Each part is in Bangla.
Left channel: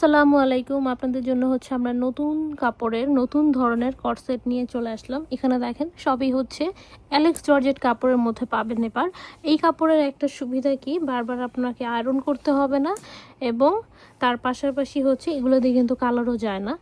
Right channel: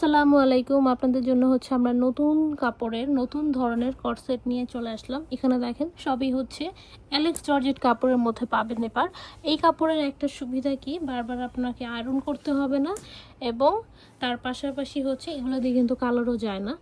আসসালামু আলাইকুম। আপনাদের জন্য হচ্ছে আমরা নতুন কাপড়ের নতুন ধরনের কর্সেট নিয়ে চলে আসলাম। এখানে দেখেন সবই হচ্ছে অ্যালেক্স জর্জেট কাপড়ের মধ্যে পাবেন। এবার এই কাপড়ের একটা সুবিধা কি, বারবার আপনাকে আয়রন করতে হবে না এবং তার পাশাপাশি হচ্ছে এগুলো দিয়ে কিন্তু কালারও যায় না।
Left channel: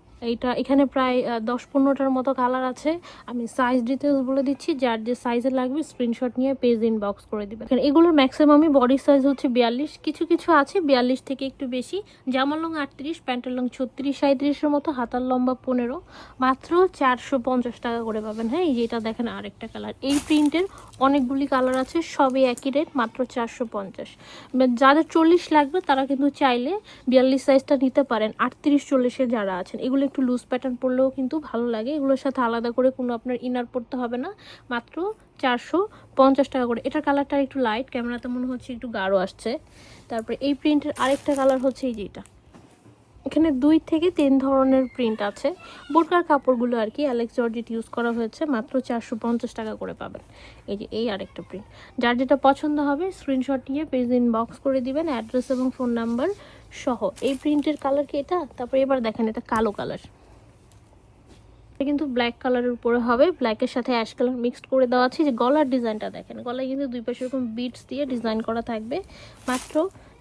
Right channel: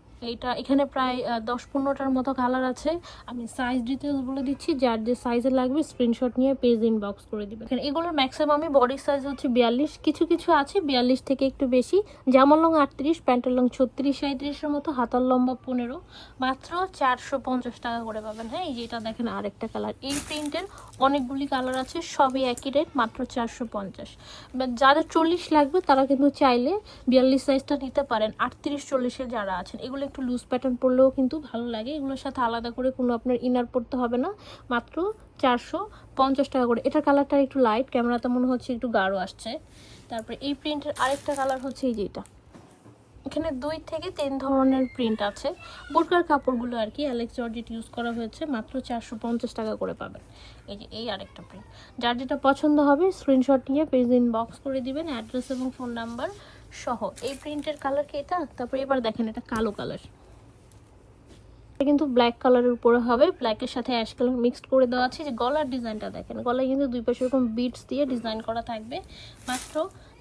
এখানে প্রায় 10-15টার মতো কালার আছে। আমি সাইজ ডিটেলস বলে দিচ্ছি, যার যে সাইজে লাগবে স্ক্রিনশট নিয়ে পেজ ইনবক্স করে দিবেন। এগুলোর ম্যাক্সিমামই বডি সাইজ হচ্ছে 42, কিছু কিছু আছে 42 থেকে একটু বেশি। জামার লং 38, প্যান্টের লং 36-37-এর মতো, হাতার লম্বা 15। মাত্র 450 টাকা করে পাবেন। হ্যাঁ, এই যেটা দেখেন আরেকটা কালার, এই প্রিন্টের অনেকগুলি কালার আছে, সবই একই রেট, মাত্র 450। যাদের 40 লাগবে তারা কিন্তু চাইলে 42 সাইজটা নিতে পারেন। 38-40-এ যারা আছেন, এগুলো একটু লুজ প্যাটার্ন পরলেও কিন্তু ভালো লাগে। এগুলোর সাথে আলাদা করে কোনো আপনার ইনার পরতে হবে না। মাত্র 450 টাকা করে। এটার কালারটা একটু লাইট, ক্যামেরাতে মনে হচ্ছে একটু গাঢ় আসছে। তারপরে এই প্রিন্টের আরেকটা কালার হচ্ছে এই যেটা। এখানে 2 থেকে 3 ধরনের প্রিন্ট আছে। বোরকার কাপড়গুলো আর কি অ্যালেক্স জর্জেট ইউজ করা হয়েছে, মাত্র 450 টাকা করে পাবেন। এই যে এই আরেকটা প্রিন্ট, যার যেটা পছন্দ হবে স্ক্রিনশট নিয়ে পেজ ইনবক্স করে দিবেন, অ্যাড্রেস এবং ফোন নাম্বার সহ। এই প্রিন্টের কালার কি এটা? তারপরে এবার দেখেন এটা কালো কালার, এটা কিন্তু ব্ল্যাক কালারের উপরে হবে, ব্ল্যাকের সাথে অ্যাশ কালার মিক্সড করে দেওয়া আছে। যে গলার ডিজাইনটা দেখেন, গলায় কিন্তু দুই পাশে এরকম বিটস দিয়ে ডিজাইন করা থাকবে। মাত্র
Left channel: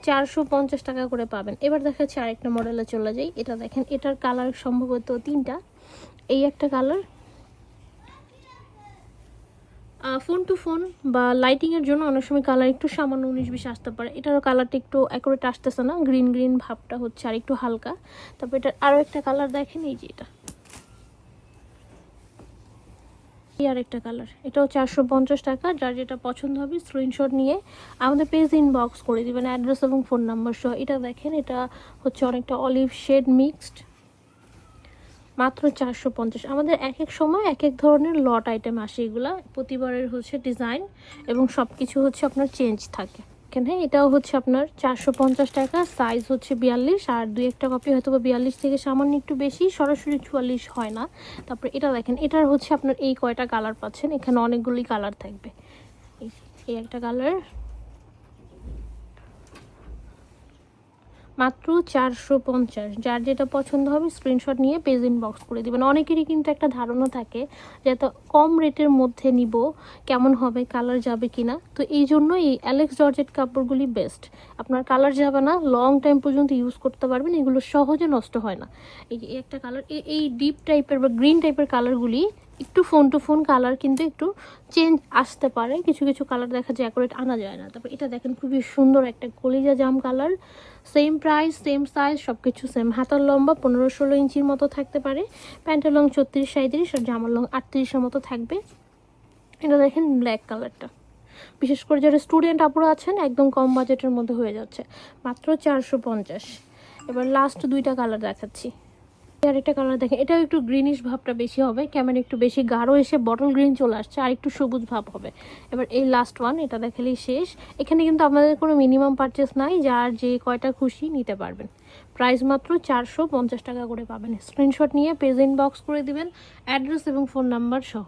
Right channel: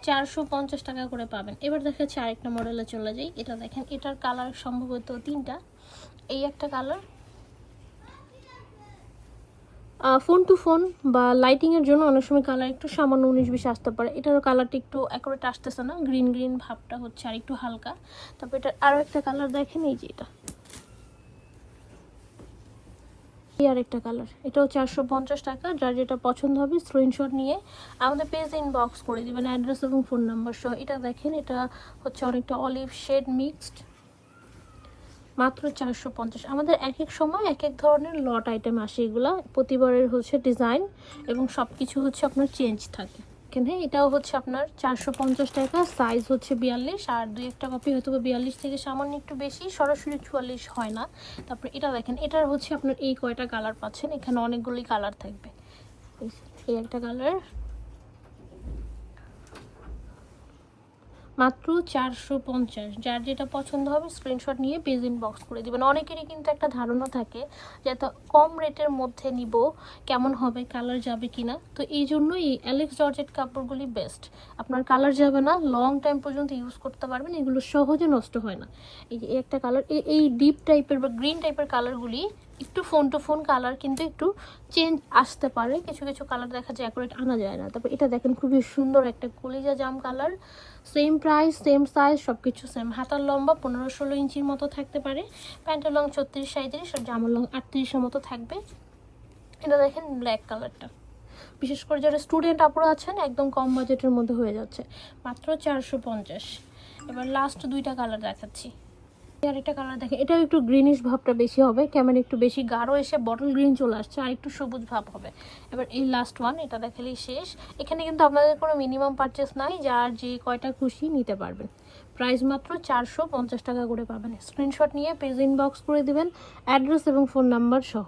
450 টাকা করে পাবেন। এবার দেখাচ্ছি আরেকটা মডেলে চলে যাই। এটা দেখেন, এটার কালার সম্ভবত 3টা। এই একটা কালার, ফোন টু ফোন বা লাইটিংয়ের জন্য অনেক সময় কালার একটু সামান্য 19-20 আসতে পারে। এটারও কালারটা একটু অ্যাকুরেট আসতেছে না, গ্রিন গ্রিন ভাবটা হচ্ছে আর একটু হালকা। তারপর এটার আরও একটা কালার দেখেন, এই যে এটা আর একটা কালার, এটাও 450 টাকা। যার যেটা পছন্দ হবে স্ক্রিনশট নিয়ে আমাদের পেজ ইনবক্স করে দিবেন, অ্যাড্রেস এবং ফোন নাম্বার সহ। এটা দেখেন, এটা হচ্ছে অনেকটা অলিভ শেড মিক্সড, মাত্র 450। আমাদের এক এক সময় এক এক ধরনের লট আইটেম আসে, এগুলা প্রতিবারের হচ্ছে ডিজাইন এবং সব কিছু হচ্ছে আপনার চেঞ্জ থাকে। এখানে এটাও হচ্ছে আপনার 450 টাকা, সাইজ হচ্ছে 42, আর 2-1টা কপি হয়তো 42 থেকে সামান্য একটু বেশি, সরাসরি 44 হয় না। তারপর এটা দেখেন, এটার হচ্ছে আপনার এই কয়টা কালার পাচ্ছেন, এখানে অনেকগুলি কালার থাকবে। এই একটা কালার, মাত্র 450। যার যেটা পছন্দ হবে স্ক্রিনশট নিয়ে পেজ ইনবক্স করে দিবেন। অনেকেরই কিন্তু একটা ধারণা থাকে যে এত কম রেটের মধ্যে নিব, কেমন হবে, কালার যাবে কিনা। তো এই জন্য এই অ্যালেক্স জর্জেট কাপড়গুলি বেস্ট। আপনার কালার যাবে না, লং টাইম পর্যন্ত ইউজ করতে পারবেন, এগুলো সহজে নষ্ট হয় না। এই একটা কালার, এই ডিপ টাইপের বা গ্রিন টাইপের কালারগুলি একটু ফোন টু ফোন কালার, কিন্তু একটু চেঞ্জ আসতে পারে। কিছু কিছু কালার দেখা যায় অ্যাকুরেট আনা যায় না। তারপর এটা দেখেন, খুবই সুন্দর একটা কলিজা জাম colour, same price same size সব কিছু সেম। হাতার লম্বা 15-16 ইঞ্চির মতো থাকতে পারে, প্যান্টের লং 34-37, আর জামার লং 38-এর মতো থাকবে। এটা দেখেন ব্ল্যাক কালারটা, বিশেষ করে যারা স্টুডেন্ট আপুরা আছেন একদম কম বাজেটের মধ্যে হয়ে যাচ্ছে, মাত্র 450। এবার লাস্ট 2টা কালার দেখাচ্ছি। আর একটা কালার দেখেন, এটাও একটু গ্রিনিশ ভাবটা বেশি হবে, ক্যামেরা একটু বেশি গাঢ় এসে বটল গ্রিন চলে আসছে, আর একটু সবুজ ভাব হবে। এবার এই লাস্ট ওয়ান, এটা দেখালেই শেষ। এখানে কিন্তু আপনাদের কোনো মিনিমাম পারচেস নাই, যার যে কয়টা খুশি নিতে পারবেন। প্রাইস মাত্র 450 টাকা করে পাবেন। স্ক্রিনশট নিয়ে পেজ ইনবক্স করে দিবেন, অ্যাড্রেস এবং ফোন নাম্বার সহ।